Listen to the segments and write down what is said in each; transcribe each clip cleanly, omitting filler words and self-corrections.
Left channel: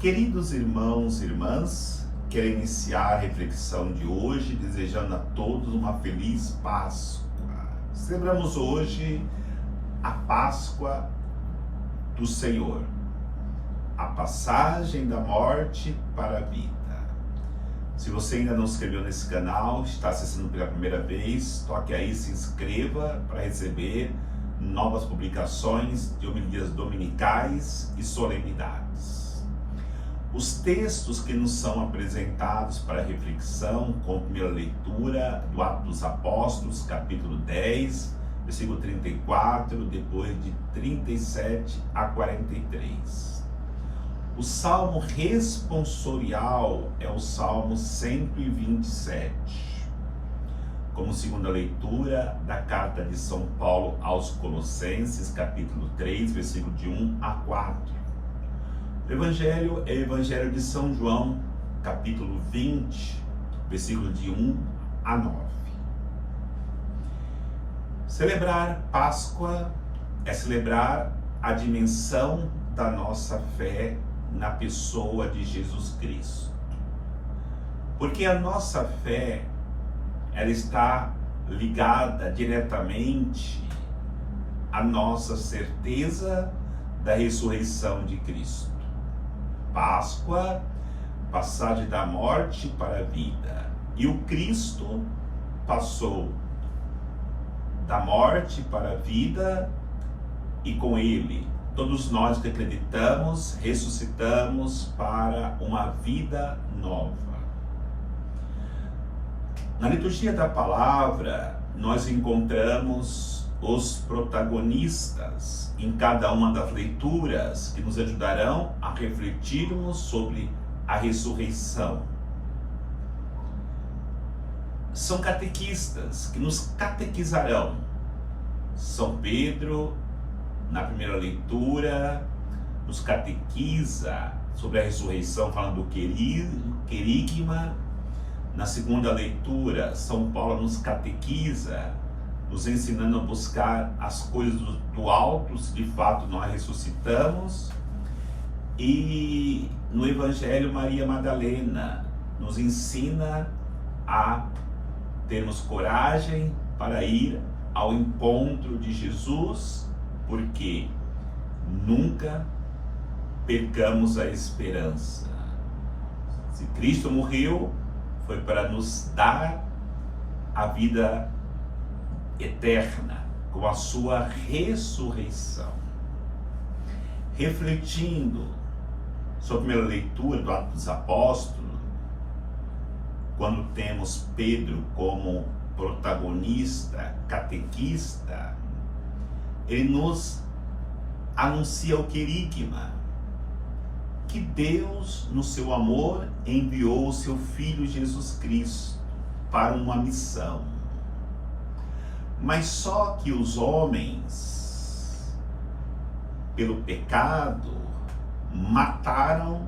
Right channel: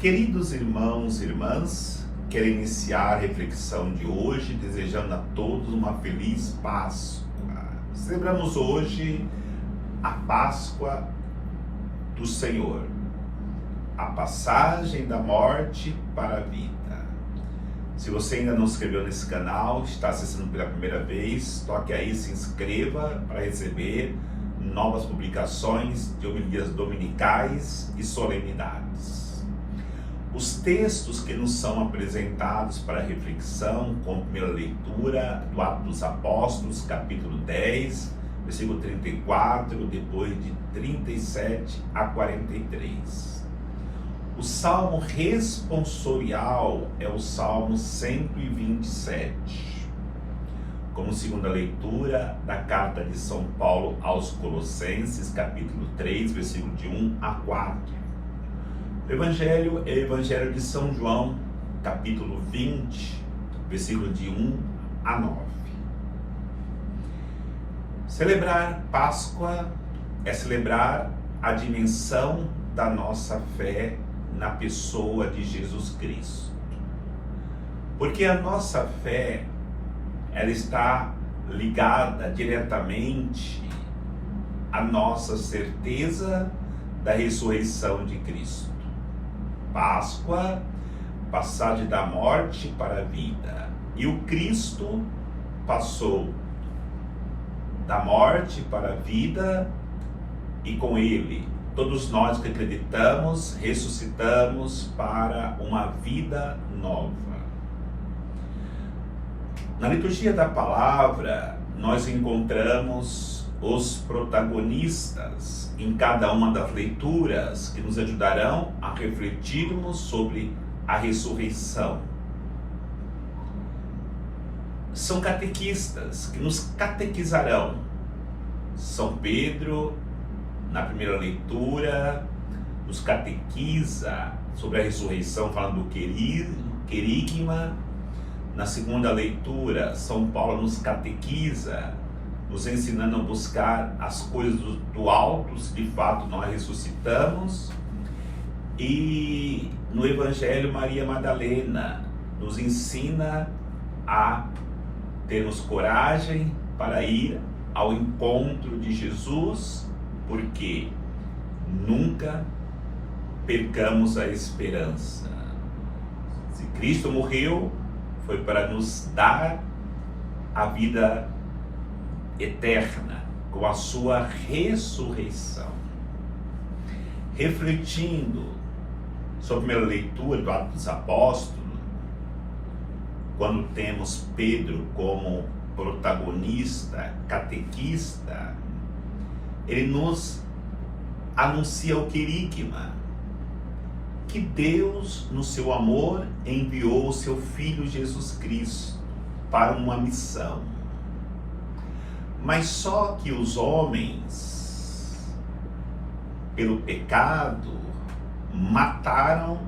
Queridos irmãos e irmãs, quero iniciar a reflexão de hoje desejando a todos uma feliz Páscoa. Celebramos hoje a Páscoa do Senhor, a passagem da morte para a vida. Se você ainda não se inscreveu nesse canal, está assistindo pela primeira vez, toque aí, se inscreva para receber novas publicações de homilias dominicais e solenidades. Os textos que nos são apresentados para reflexão, com a primeira leitura do Atos dos Apóstolos, capítulo 10, versículo 34, depois de 37 a 43. O salmo responsorial é o salmo 127, como segunda leitura da carta de São Paulo aos Colossenses, capítulo 3, versículo de 1 a 4. O Evangelho é o Evangelho de São João, capítulo 20, versículo de 1 a 9. Celebrar Páscoa é celebrar a dimensão da nossa fé na pessoa de Jesus Cristo. Porque a nossa fé, ela está ligada diretamente à nossa certeza da ressurreição de Cristo. Páscoa, passagem da morte para a vida. E o Cristo passou da morte para a vida e com ele todos nós que acreditamos, ressuscitamos para uma vida nova. Na liturgia da palavra, nós encontramos os protagonistas em cada uma das leituras que nos ajudarão a refletirmos sobre a ressurreição. São catequistas que nos catequizarão. São Pedro, na primeira leitura, nos catequiza sobre a ressurreição, falando do querigma. Na segunda leitura, São Paulo nos catequiza, nos ensinando a buscar as coisas do alto, se de fato nós ressuscitamos. E no Evangelho, Maria Madalena nos ensina a termos coragem para ir ao encontro de Jesus, porque nunca percamos a esperança. Se Cristo morreu, foi para nos dar a vida eterna com a sua ressurreição. Refletindo sobre a primeira leitura do Atos dos Apóstolos, quando temos Pedro como protagonista, catequista, ele nos anuncia o querigma, que Deus, no seu amor, enviou o seu Filho Jesus Cristo para uma missão. Mas só que os homens, pelo pecado, mataram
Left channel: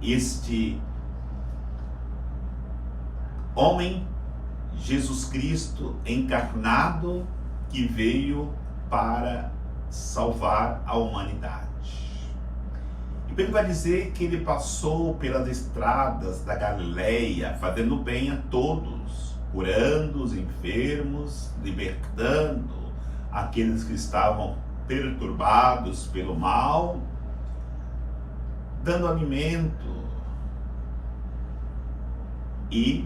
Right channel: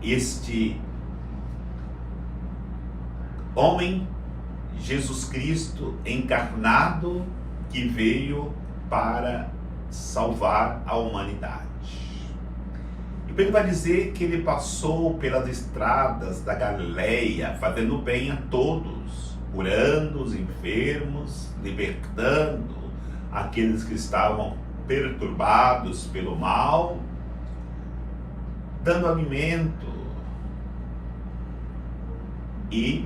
este homem, Jesus Cristo encarnado, que veio para salvar a humanidade. E ele vai dizer que ele passou pelas estradas da Galileia, fazendo bem a todos, curando os enfermos, libertando aqueles que estavam perturbados pelo mal, dando alimento e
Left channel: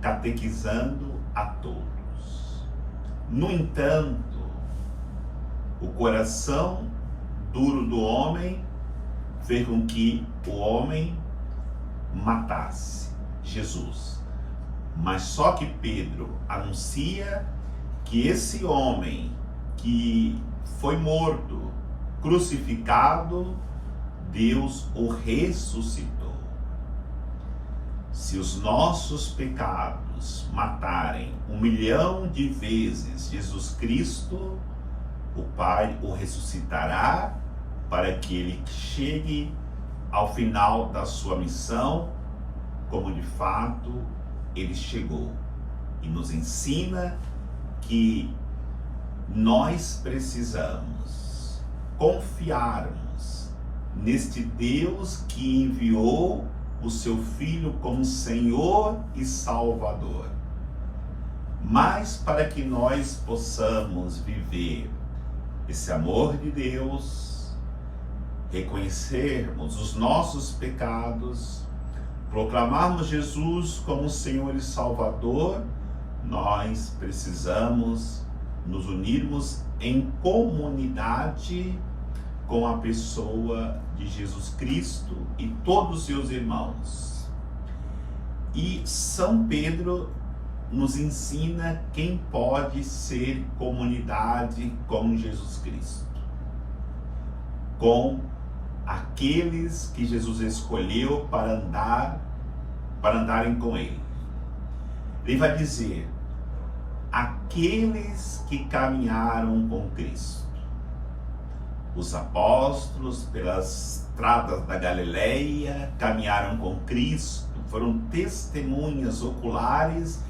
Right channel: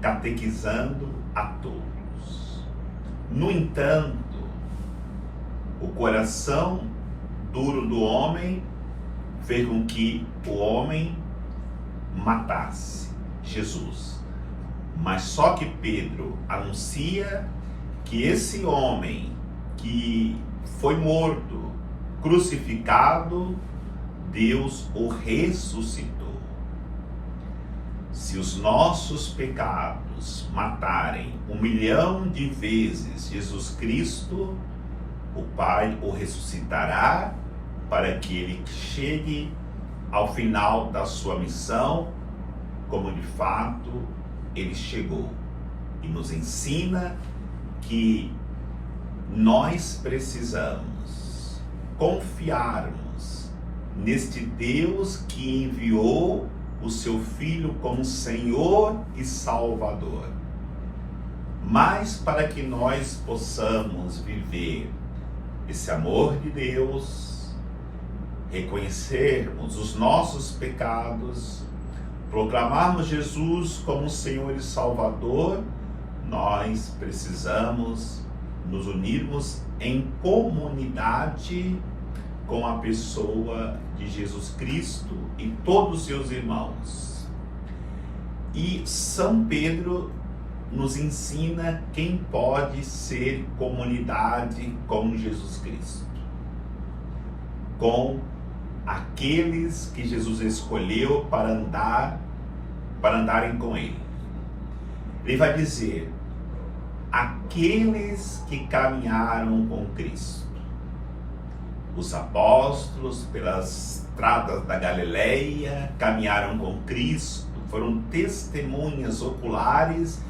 catequizando a todos. No entanto, o coração duro do homem fez com que o homem matasse Jesus. Mas só que Pedro anuncia que esse homem que foi morto, crucificado, Deus o ressuscitou. Se os nossos pecados matarem 1 milhão de vezes Jesus Cristo, o Pai o ressuscitará para que ele chegue ao final da sua missão, como de fato ele chegou. E nos ensina que nós precisamos confiarmos neste Deus que enviou o seu Filho como Senhor e Salvador. Mas para que nós possamos viver esse amor de Deus, reconhecermos os nossos pecados, proclamarmos Jesus como Senhor e Salvador, nós precisamos nos unirmos em comunidade com a pessoa de Jesus Cristo e todos os seus irmãos. E São Pedro nos ensina quem pode ser comunidade com Jesus Cristo, com aqueles que Jesus escolheu para andarem com ele. Ele vai dizer: aqueles que caminharam com Cristo. Os apóstolos, pelas estradas da Galileia, caminharam com Cristo, foram testemunhas oculares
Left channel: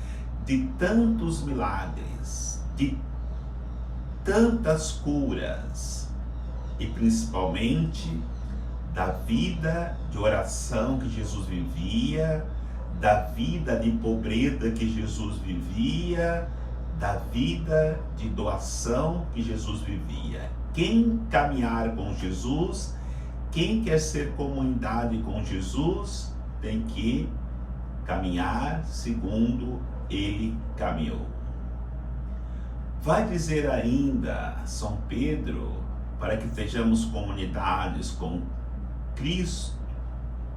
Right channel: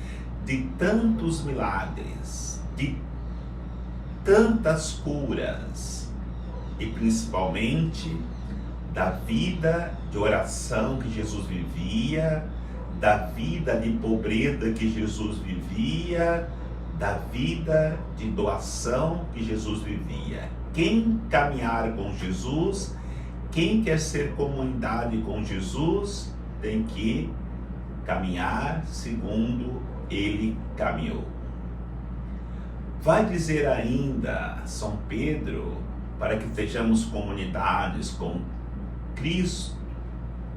de tantos milagres, de tantas curas, e principalmente da vida de oração que Jesus vivia, da vida de pobreza que Jesus vivia, da vida de doação que Jesus vivia. Quem caminhar com Jesus, quem quer ser comunidade com Jesus, tem que caminhar segundo ele caminhou. Vai dizer ainda São Pedro, para que sejamos comunidades com Cristo,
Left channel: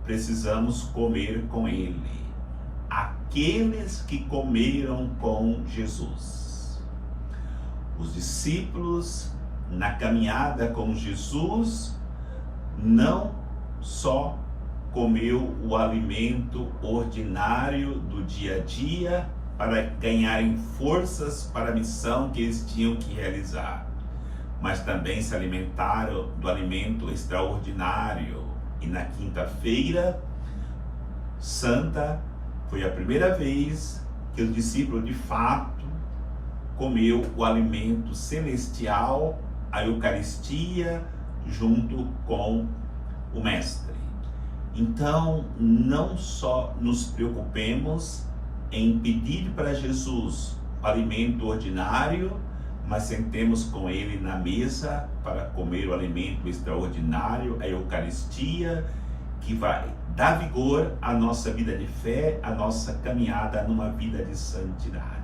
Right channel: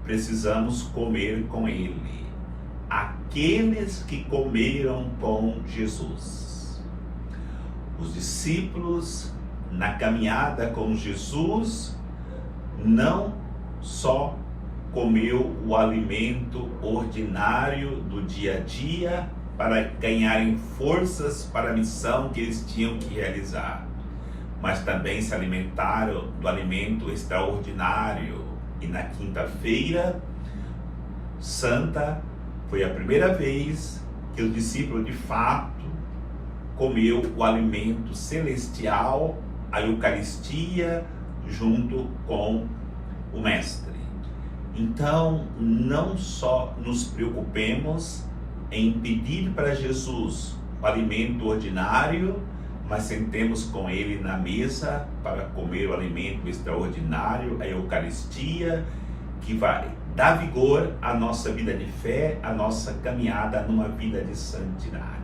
precisamos comer com ele. Aqueles que comeram com Jesus. Os discípulos, na caminhada com Jesus, não só comeu o alimento ordinário do dia a dia para ganharem forças para a missão que eles tinham que realizar, mas também se alimentaram do alimento extraordinário. E na quinta-feira santa foi a primeira vez que o discípulo de fato comeu o alimento celestial, a Eucaristia, junto com o Mestre. Então, não só nos preocupemos em pedir para Jesus o alimento ordinário, mas sentemos com ele na mesa para comer o alimento extraordinário, a Eucaristia, que vai dar vigor à nossa vida de fé, à nossa caminhada numa vida de santidade.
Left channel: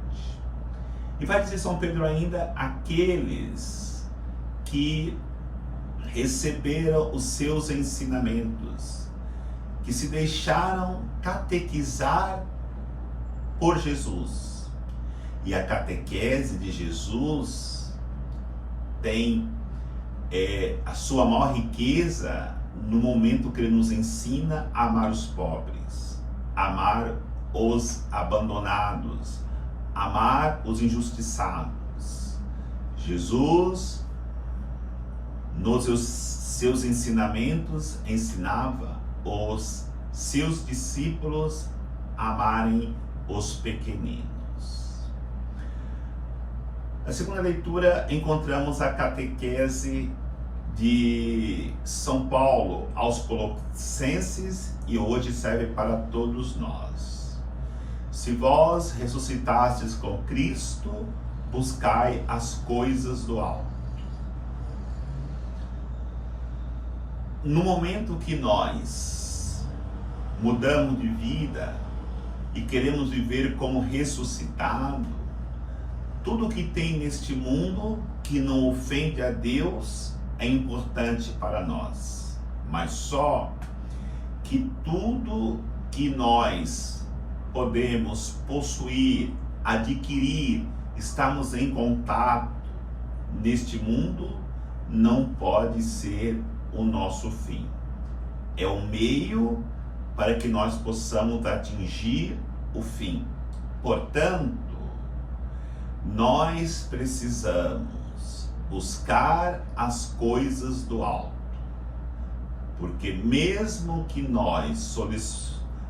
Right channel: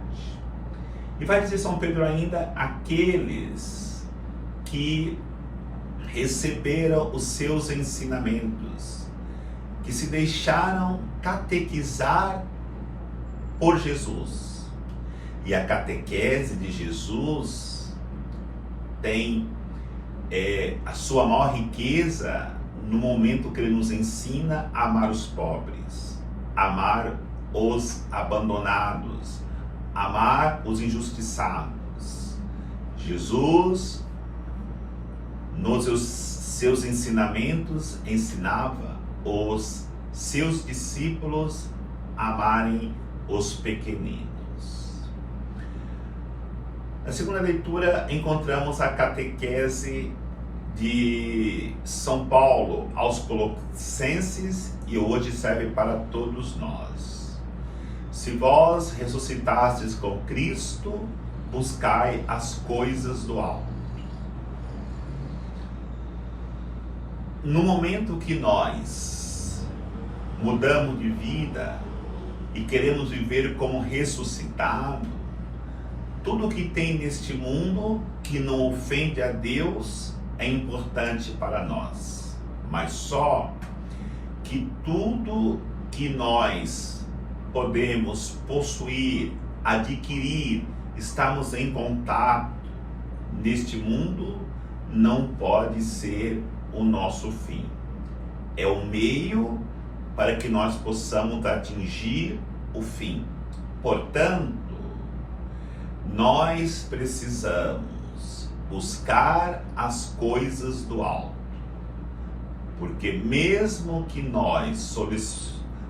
E vai dizer São Pedro ainda: aqueles que receberam os seus ensinamentos, que se deixaram catequizar por Jesus. E a catequese de Jesus tem a sua maior riqueza no momento que ele nos ensina a amar os pobres, amar os abandonados, amar os injustiçados. Jesus, nos seus ensinamentos, ensinava os seus discípulos a amarem os pequeninos. Na segunda leitura, encontramos a catequese de São Paulo aos Colossenses, e hoje serve para todos nós. Se vós ressuscitastes com Cristo, buscai as coisas do alto. No momento que nós mudamos de vida e queremos viver como ressuscitado, tudo que tem neste mundo que não ofende a Deus é importante para nós, mas só que tudo que nós podemos possuir, adquirir, estamos em contato neste mundo, não pode ser o nosso fim. É o meio para que nós possamos atingir o fim. Portanto, nós precisamos buscar as coisas do alto, porque mesmo que nós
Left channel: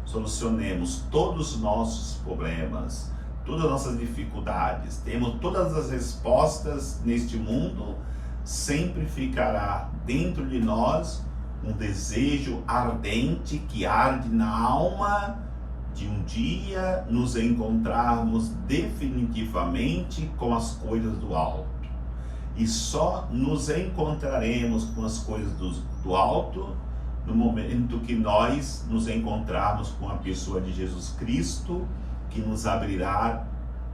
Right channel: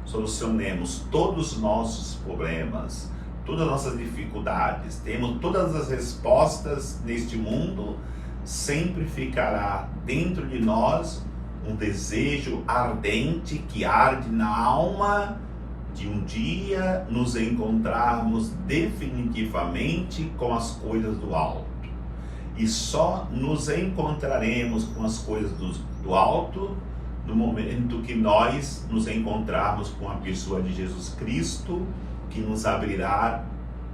solucionemos todos os nossos problemas, todas as nossas dificuldades, temos todas as respostas neste mundo, sempre ficará dentro de nós um desejo ardente que arde na alma de um dia nos encontrarmos definitivamente com as coisas do alto. E só nos encontraremos com as coisas do alto no momento que nós nos encontrarmos com a pessoa de Jesus Cristo, que nos abrirá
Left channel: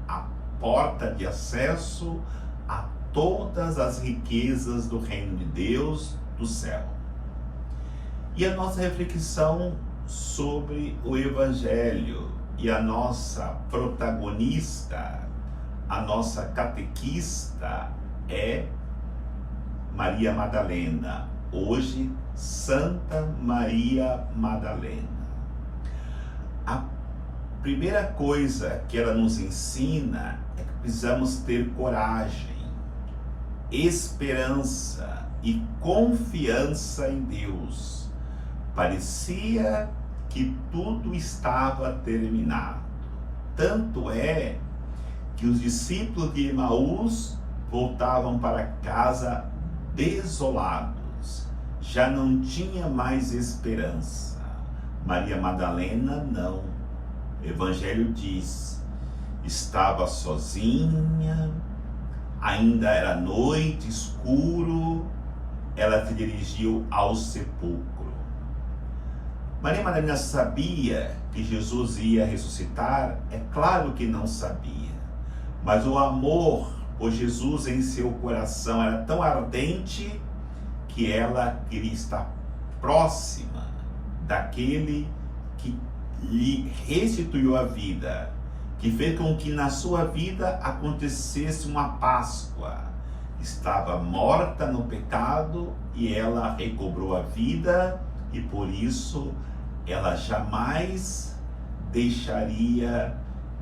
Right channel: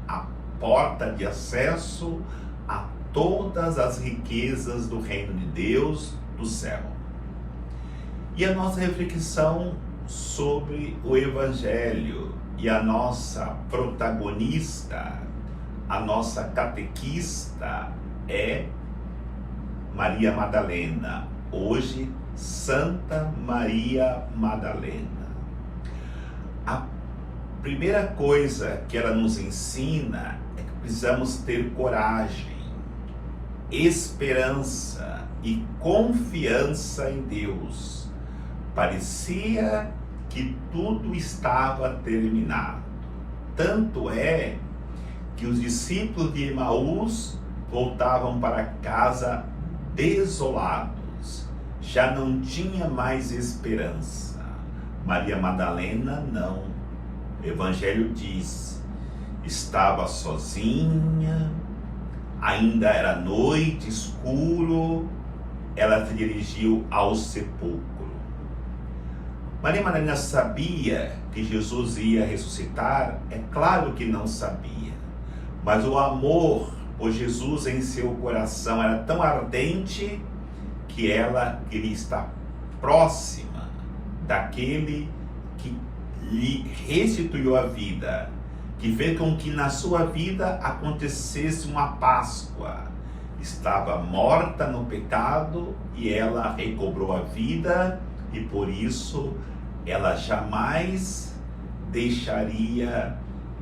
a porta de acesso a todas as riquezas do reino de Deus, do céu. E a nossa reflexão sobre o Evangelho e a nossa protagonista, a nossa catequista é Maria Madalena. Hoje, Santa Maria Madalena. A primeira coisa que ela nos ensina é que precisamos ter coragem, esperança e confiança em Deus. Parecia que tudo estava terminado. Tanto é que os discípulos de Emaús voltavam para casa desolados. Já não tinha mais esperança. Maria Madalena não. O Evangelho diz: estava sozinha, ainda era noite, escuro, ela se dirigiu ao sepulcro. Maria Madalena sabia que Jesus ia ressuscitar? É claro que não sabia, mas o amor por Jesus em seu coração era tão ardente que ela queria estar próxima daquele que lhe restituiu a vida, que fez com que na sua vida acontecesse uma Páscoa. Estava morta no pecado e ela recobrou a vida, e por isso ela jamais deixaria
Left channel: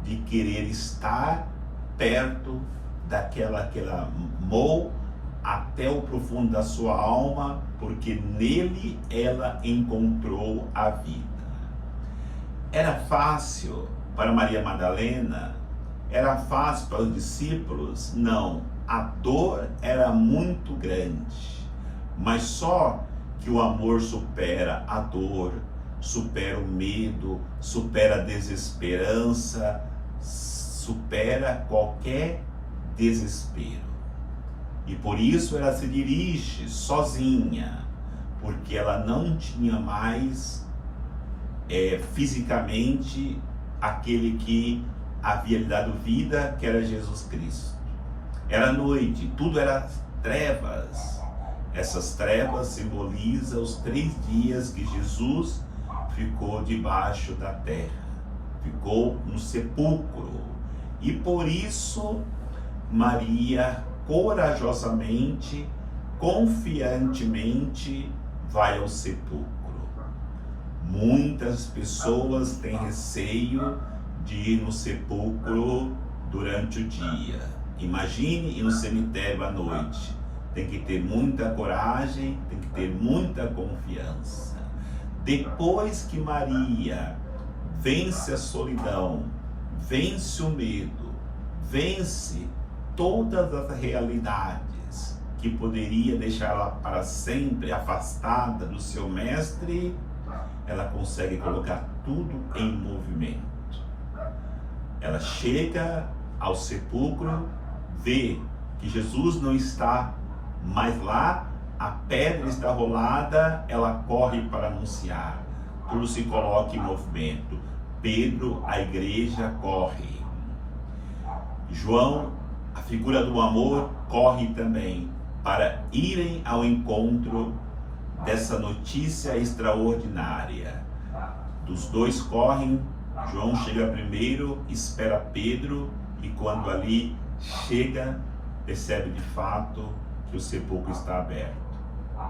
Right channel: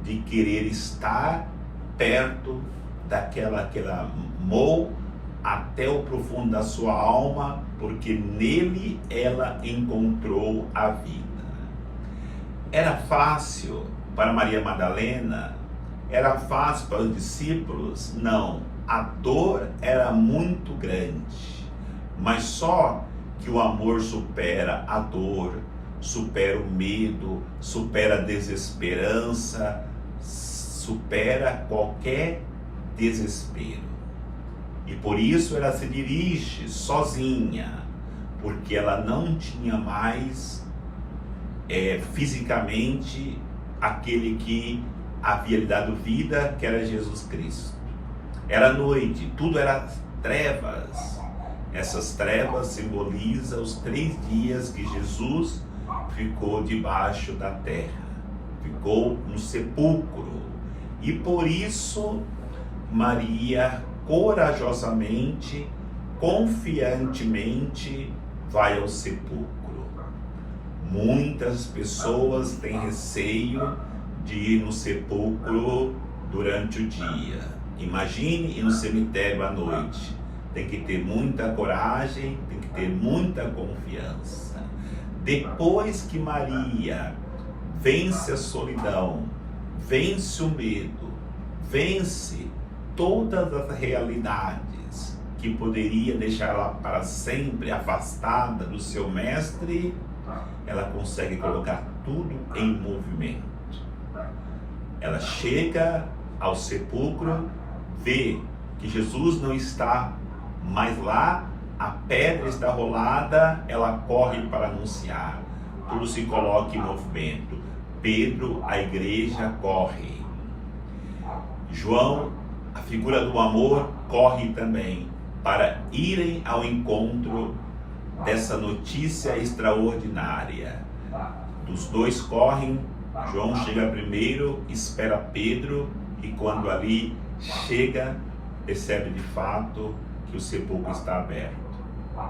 de querer estar perto daquela que ela amou até o profundo da sua alma, porque nele ela encontrou a vida. Era fácil para Maria Madalena? Era fácil para os discípulos? Não. A dor era muito grande, mas só que o amor supera a dor, supera o medo, supera a desesperança, supera qualquer desespero. E por isso ela se dirige sozinha, porque ela não tinha mais fisicamente aquele que havia lhe dado vida, que era Jesus Cristo. Era noite, tudo era trevas. Essas trevas simbolizam os 3 dias que Jesus ficou debaixo da terra, ficou no sepulcro. E por isso Maria corajosamente, confiantemente vai ao sepulcro. Muitas pessoas têm receio de ir no sepulcro durante o dia. Imagine ir no cemitério à noite. Tem que ter muita coragem, tem que ter muita confiança. Depois que Maria vence a solidão, vence o medo, vence todas as realidades que poderia deixá-la para sempre afastada do seu mestre, ela consegue colocar tudo em movimento. Ela chega ao sepulcro, vê que Jesus não está mais lá, a pedra está rolada, ela corre para anunciar. Tudo se coloca em movimento. Pedro, a igreja, corre. João, a figura do amor, corre também para irem ao encontro dessa notícia extraordinária. Os dois correm, João chega primeiro, espera Pedro, e quando ali chega, percebe de fato que o sepulcro está aberto.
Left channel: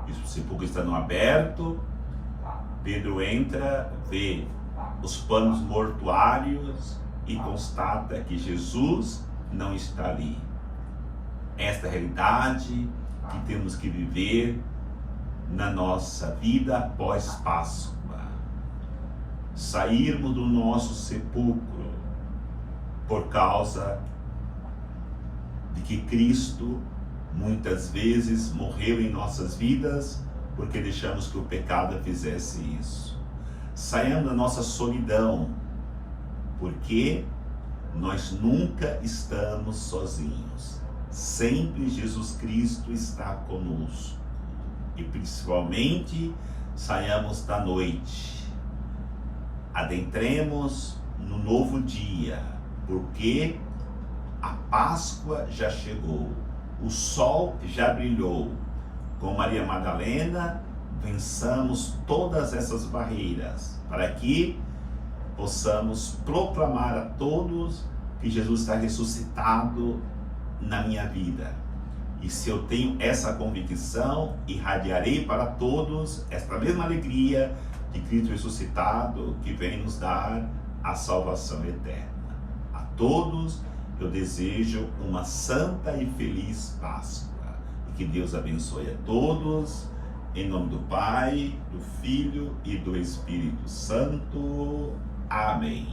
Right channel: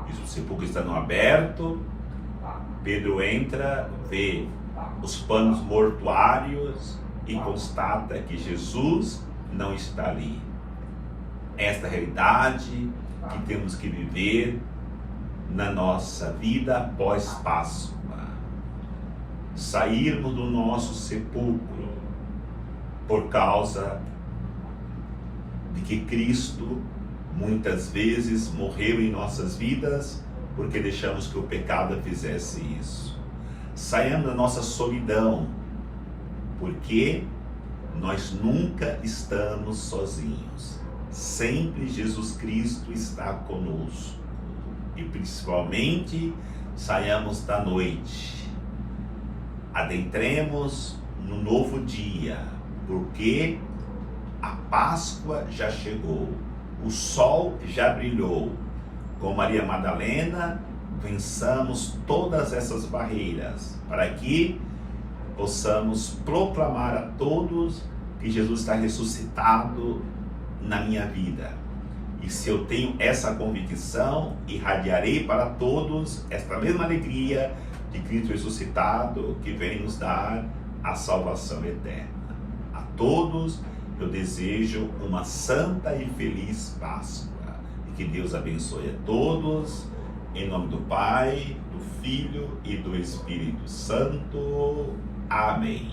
E o sepulcro estando aberto, Pedro entra, vê os panos mortuários e constata que Jesus não está ali. Esta realidade que temos que viver na nossa vida após Páscoa. Sairmos do nosso sepulcro por causa de que Cristo muitas vezes morreu em nossas vidas porque deixamos que o pecado fizesse isso. Saiamos da nossa solidão, porque nós nunca estamos sozinhos. Sempre Jesus Cristo está conosco. E principalmente, saiamos da noite. Adentremos no novo dia, porque a Páscoa já chegou. O sol já brilhou. Com Maria Madalena, vençamos todas essas barreiras, para que possamos proclamar a todos que Jesus está ressuscitado na minha vida. E se eu tenho essa convicção, irradiarei para todos esta mesma alegria de Cristo ressuscitado, que vem nos dar a salvação eterna. A todos eu desejo uma santa e feliz Páscoa. E que Deus abençoe a todos, em nome do Pai, do Filho e do Espírito Santo. Amém.